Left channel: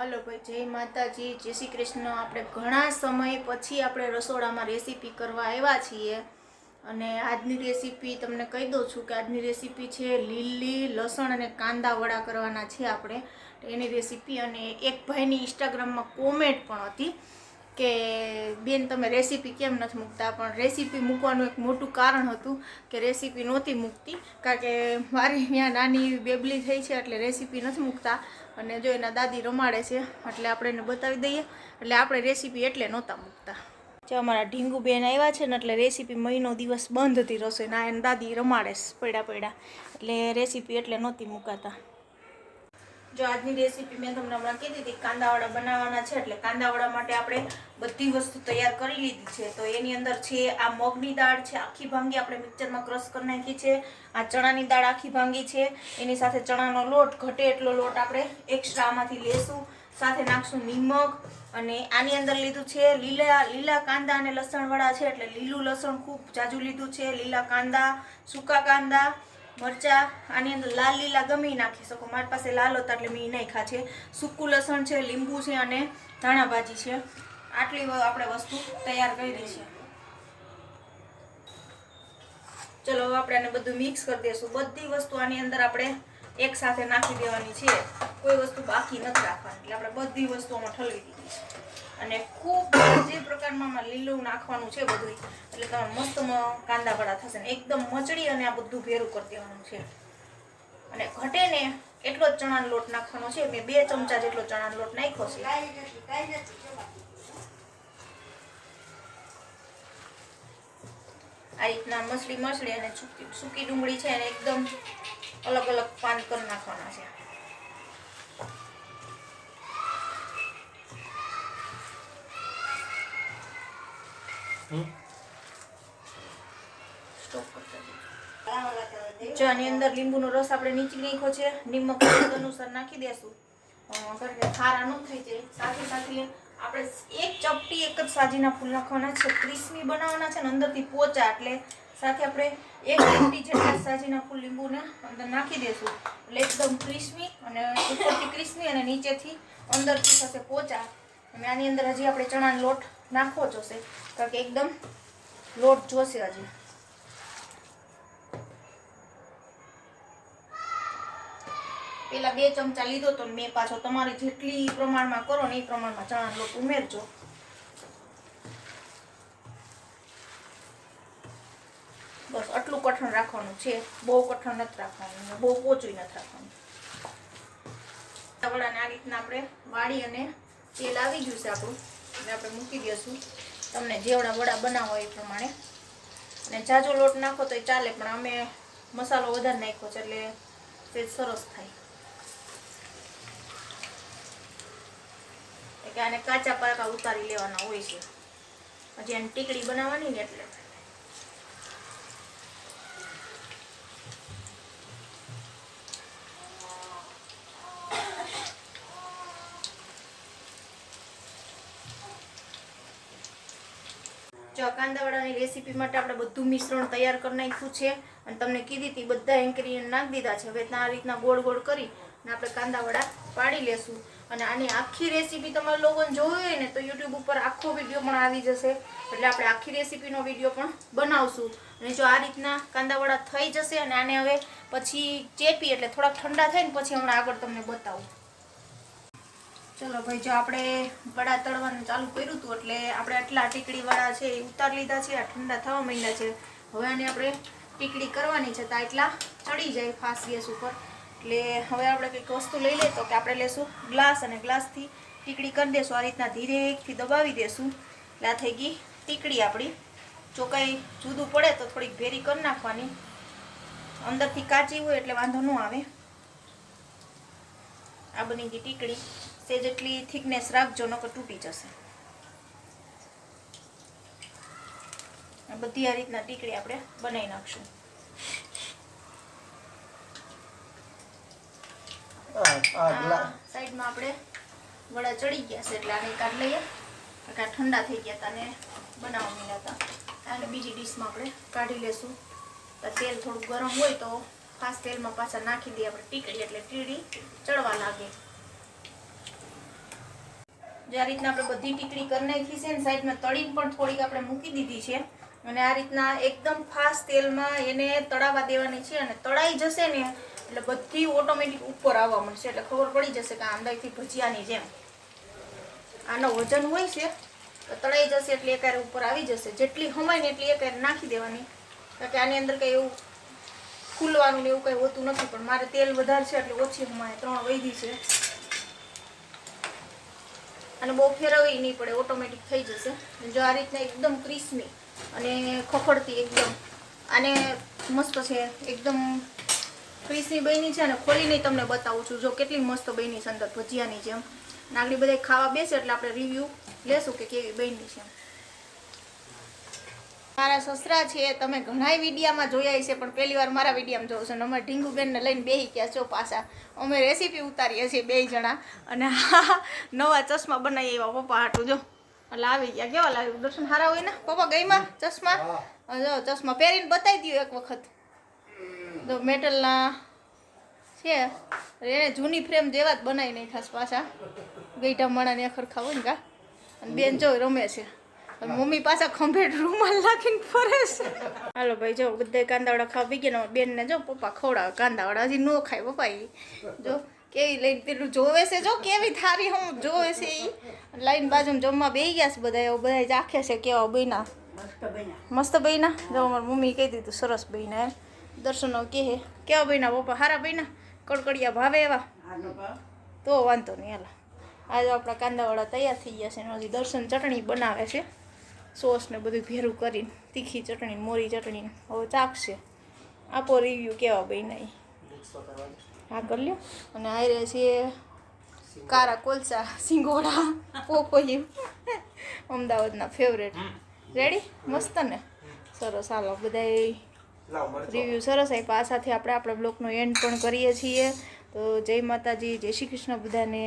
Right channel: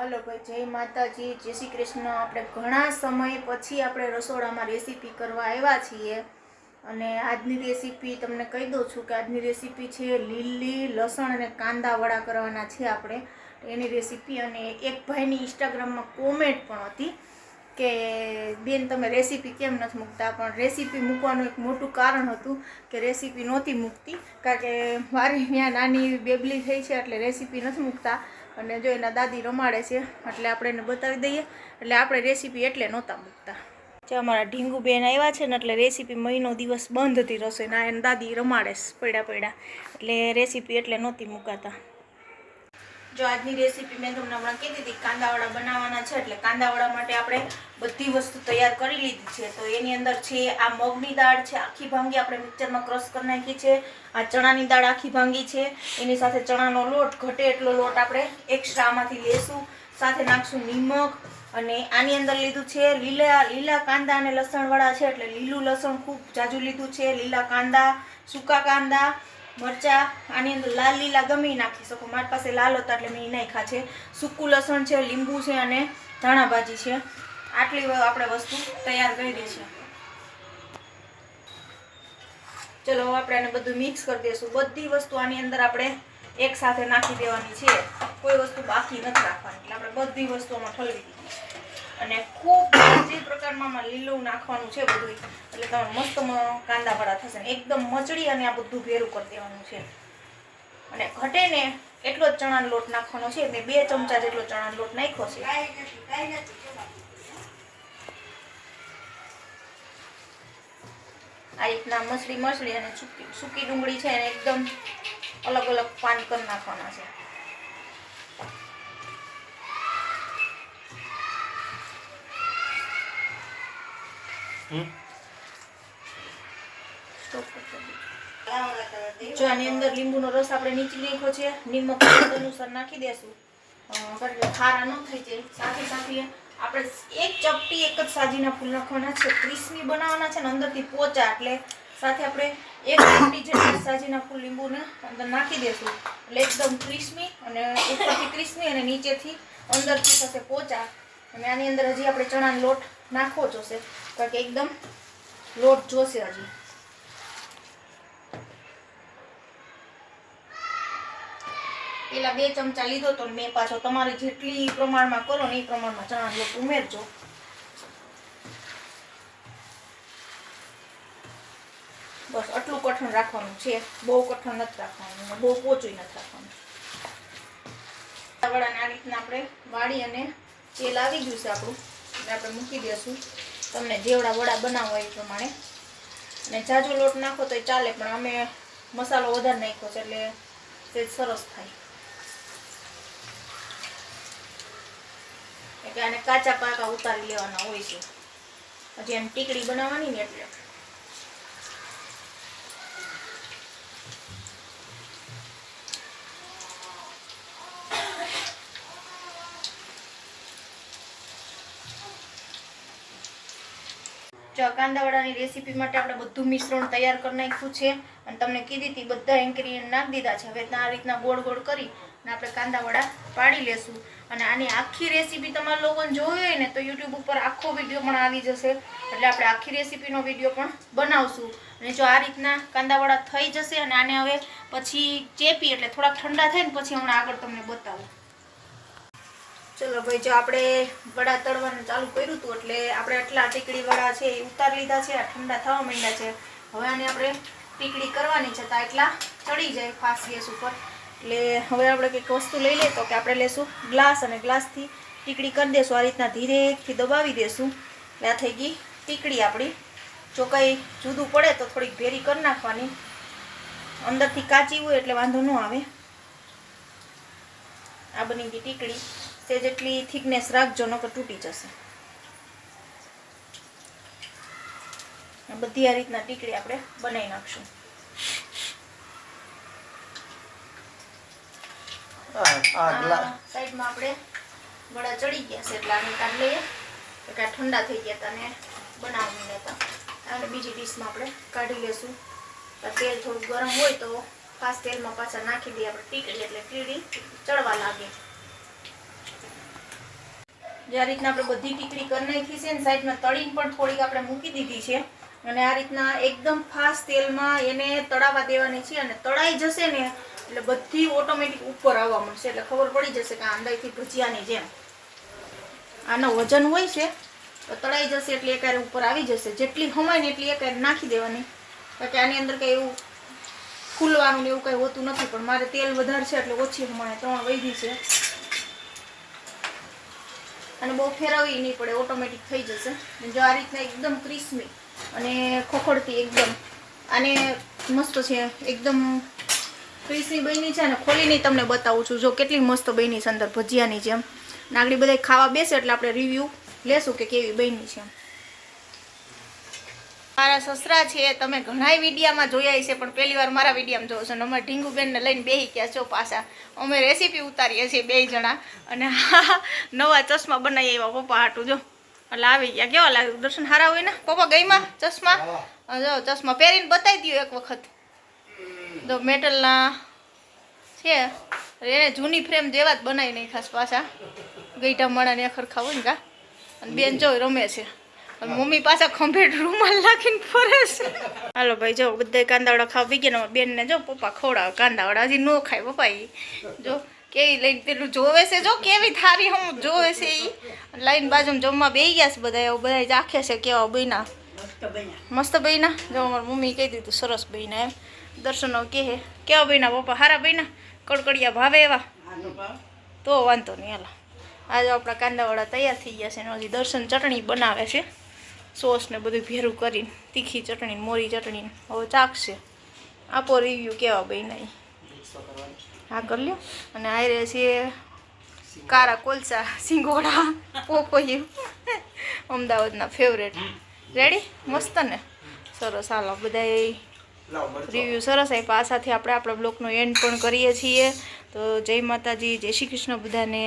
Hello ભાઈ, જય માતાજી, જય શ્રી કૃષ્ણ। આપણે ઘણા સમય પછી આપણે રસોડામાં રેસીપી કરવા આવ્યા છીએ અને આજની રેસીપી તમને કહી દઉં છું કે આજની રેસીપી છે લીલી લસણ અને કાંદા વડા કરવાના છે આપણે એની રેસીપી। અને એક ભાઈની ઇન્સ્ટાગ્રામમાં કોમેન્ટ પણ હતી કે બેન તમે રેસીપી કેમ નથી મૂકતા, પણ રેસીપી મૂકવાનું એક મોટું કારણ હતું કે રેસીપી નહોતી મૂકતી કારણ કે મારી ત્યાં નાની બેબલી થઈ છે એટલે રેસીપી નથી મૂકતા અને જો એના દાદી રમાડે છે એટલે આપણે એને બતાવી દઈએ એટલે આપણે રેસીપી એટલે નહોતા મૂકતા। જે અમારા ઢીંગુ બેન આવ્યા છે ને એટલે રેસીપી મહિનો દિવસ બંધ હતી રસોઈના, એને દાદી રમાડે પડ્યા એટલે રેસીપી એટલે નહોતી મૂકાતા। જો આજની રેસીપી મેં તમને હમણાં કીધી હતી કાંદાવડા બનાવવાના છે એટલે કાંદાવડા માટે આપણે બધી વસ્તુ તૈયાર કરી લીધી છે। તો એની અંદર છે આ મગની દાળ છે આખી ભાંગી આપણે મિક્સરમાં ક્રશ કરી નાખી છે, આ ચણાની દાળ આખી ભાંગી છે, એની સાથે ચણાનો લોટ ઘટે એટલો લોટ આપણે એક્સ્ટ્રા આમાંથી લેશું, સાથે નાખશું નિમક અને આની અંદર લીધું છે લીલા કાંદા અને લસણવાળા છે એટલે લીલું લસણ ખૂબ જાજુ લીધું છે, લીલા કાંદા, સૂકા કાંદા, મરચા, આની અંદર લાલ લીલા ગમે નાખી શકો, મારી પાસે લાલ હતા એટલે મેં નાખ્યા છે, સૂકું લસણ છે, લીંબુ છે અને ધાણા ભાજી છે। આટલી આપણે વસ્તુ તૈયાર કરી દઈશું। ચલો આપણે આને બધું મિક્સ કરી દઈશું। બધી વસ્તુ આની અંદર આપણે એક સાથે નાખી દેવાની છે, કોઈ વસ્તુ બાકી નથી રાખવાની એટલે આપણે બધી વસ્તુમાં ઠલવી દીધી છે અને ખૂબ જે પ્રકારમાં લીલું નાખવાનું છે બધું એટલે તમે મસ્ત કાંદા વડા થશે, એકદમ મચડી અને આ બધું ભેરું કરી દેવાનું છે અને ઘટે ને એટલો જ ચણાનો લોટ નાખવાનો છે। મેં 2 ચમચા જેટલો ચણાનો લોટ નાખ્યો છે। આ રીતના મસળી અને સૂકી ડુંગળી છે એને એકદમ અલગ અલગ પાન કરી નાખવાના છે। જો આની અંદર લીંબુનો રસ આપણે નીચી નાખ્યો છે, નિમક અનુસાર નાખી દેશું ખારા ન થઈ જાય। સાથે સાથે આપણે એક ચપટી એક જ સાજીના ફૂલ નાખવાના છે, ક્રિસ્પી બનાવવાના છે ને અંદરથી પોચા એટલે સાથે આપણે એક ચપટી જેટલા સાજીના ફૂલ લીંબુને અંદર નાખી દેશું એટલે એકદમ ક્રિસ્પી અને ઉપરથી ક્રિસ્પી અને નીચેથી અંદરથી થશે પોચા। અને આની અંદર હજી આપણે ચણાનો લોટ નાખવો જોશે કારણ કે એકદમ લોટ જોશે હજી। પેલા 2 ચમચા લીધો તો મેં પાછો, તમારે જેટલી પ્રમાણમાં કરો ને એ પ્રમાણમાં ચણાનો લોટ ઉમેરજો। બસ આટલું કઠણ રાખવાનું છે, બહુ કઠણ નથી રાખવાનું, બહુ પોચું નથી રાખવાનું। વડાને આ રીતના આપણે વાળી અને તેલ આવી ગયું છે આપણું એટલે આપણે મૂકી દઈશું તમને જેવડા વડા બનાવવા એ પ્રમાણે। અને જાજો લોટ નાખો તો ચાલે પણ અમે મસાલો વધારે નાખ્યો છે એટલે તે સરસ થાય એટલે આને કાચા પાકા ઉતારી લેવાના હોય છે હજી એમ ટીકડી બનાવવાની ને એટલે। જો કાંદાવડાની રેસીપી માટે આપણે બધું મિશ્રણ તૈયાર કરી નાખ્યું છે અને તમને કીધી હતી બધા ઇન્ગ્રેડિયન્ટ નાખી દીધા છે। હવે આ રીતના ગોળ ગોળ કરી અને આપણે કાંદાવડા પાડી લેશું અને આની આખી રેસીપી તમારે લોકોને જોવી હોય ને તો યુટ્યુબ ઉપર આખો વિડીયો પણ આવી જશે એટલે આપણે આખી રેસીપીનો વિડીયો પણ બનાવશું। અને જો આ રીતના કાંદાવડા થઈ જશે અને આને હવે પછી ચેપી એટલે થોડાક ઠંડા થાય ને પછી હમણાં આગળ તમને બતાવું। ચલો ભાઈ, જો આપણે વડા તળવાનું ચાલુ કર્યું હતું એટલે આપણે આટલા ટીકડી વડા છે એ ઉતારી લીધા છે, આ ઠંડા થવા માંડ્યા છે। હવે આને આપણે ટીકડી કરવાની છે તો એટલા ચડી જાય ફાસ્ટ ગેસ ઉપર એટલે હવે આપણે કંઈક વસ્તુ લઈ લઈએ તો કે આપણે લેશું ગ્લાસ અને ગ્લાસથી ટીકડી કરી દેશું, આ રીતના ધીરેથી દબાવી દેશું એટલે આ થઈ ગઈ ટીકડી આપણી। જો કંઈ જુદું પડે તો થોડીક ભેરી કરી નાખવાની, અંદરથી કાચી હોય એટલે વાંધો ન આવે। આ બની ગઈ ટીકડી, તે જેટલી થિકનેસ રાખજો નકર તૂટી જશે। બધી આ રીતના ટીકડી આપણે બનાવી નાખશું। સાઈડમાં આપણે વડા ચડી ગયા છે એટલે આને કાઢી લઈએ, ઠંડા થઈ ગયા હતા ને બનાવવાની હતા અને બીજી ડીશમાં આપણે કાઢી લેશું। તેલ થોડું ગરમ હોય તો ખાસ તેલમાં પાછા નાખી દઈએ આપણે ટીકડી એટલે ટીકડી ચડવા લાગે। જે આ રીતના આપણે બધી ટીકડી કરી નાખી છે ને સાઈડમાં તળીને પણ થોડીક આપણે મૂકી દીધી છે અને આ રીતના એકદમ ફાસ્ટ તેલમાં એને તળાવવા દેવાની છે અને તળાઈ જશે ને એટલે બધી ઓટોમેટિક ઉપર આવવા મળશે એટલે ખબર પડી જશે કે અંદરથી ભજીયાની જેમ આનો વજન હોય છે તો તળાઈ જશે એટલે એકારે ઉપર આવી જશે જેટલી હમાય ને એટલી એકારે નાખી દેવાની કારણ કે આની અંદર કંઈ એવું ખુલવાનું ને એવું કંઈ હોતું નથી પણ મારે તેલ વધારે છે એટલે ઓછી હમાય 3 વૈધી છે અને બહુ ફેરવવી નહીં પડે ઓટોમેટિક થઈ જશે જો આ રીતના એકદમ ક્રિસ્પી અને ખોખડતી એકદમ આને મસ્ત છે એકદમ ક્રિસ્પી બની છે અને ખોલીને તમને બતાવું છું જો કેટલી મસ્ત બની છે અંદર ભજીયાની જેમ નાગડી બધા ખાવા બેસે એટલે આપણે રિવ્યૂ લેશું કે કેવી બની છે મારા સસરા છે તમે ઘણા વિડીયામાં જોયા છે પણ પહેલી વાર મારા વિડીયામાં જોવો છો ને અમારા ઢીંગુબેનને લઈને બેસી ગયા છો પાછા અમે રેસીપી ઉતારીએ છીએ 2 જણા અને નવા ચશ્મા બનાવી આવ્યા પપ્પા હાટું જો એટલે આવી ગયા કેવા લાગે દર્શન સારા હોય ને પપ્પા ગઈમાં ચશ્મા જો ચશ્મા પહેરીને બતાવી દો એક વખત જો મેટલના છે એને જૂની ફ્રેમ જેવા જ બનાવી નહીં ખાસ પાછા ગઈઢા માણાને ખરખા હોય ને કા અને બેન જો રમે છે મમ્મી પાછા ખંભેટ રૂમાલ નાખીને ફરે છે હાલો ભાઈ જો બધા કાંદાવડા ખાવા બી ગયા બેનને જો પપ્પા ખવડાવે કાંદાવડા હજી ન ખાય પપ્પા એ જો કેવી લઈને પેલું જોવે છે જો કેવી થારી હમ જોવે છે એ લાઈન બાજુમાં જમવા બેસી ગયા છે બધા એવું બધા ચાખે છે કેવા બન્યા મસ્ત બન્યા જો અમારી મમ્મી કહી દીધું સરસ બન્યા એમ દર્શનો કહે કેવા બન્યા પપ્પા સારા બન્યા કડકડિયા ભાવે એવા તો વાંધો નહીં હાલો આજે આપણા કાંદાવાળા તૈયાર થઈ ગયા છે ને હજી દર્શન ચટણી બનાવે છે સોસ ને બધું ભેરું કરીને તીખી ચટણી મોરી ચટણી હવે ચાખશે આપો રિવ્યૂ કેવા બન્યા હા કરી લ્યો અને આ રહે છે કારા કોલસા સિંગોડા પોપૈયું અમદાવાદના ફેવરેટ રેડી મસ્ત ને સરસ હાલો બધા રિવ્યૂ સરસ આપ્યા આ સાથે આપણે આપણા બ્લોગનો એન્ડ પણ કરીએ છીએ તો જય માતાજી જય શ્રી કૃષ્ણ બધાને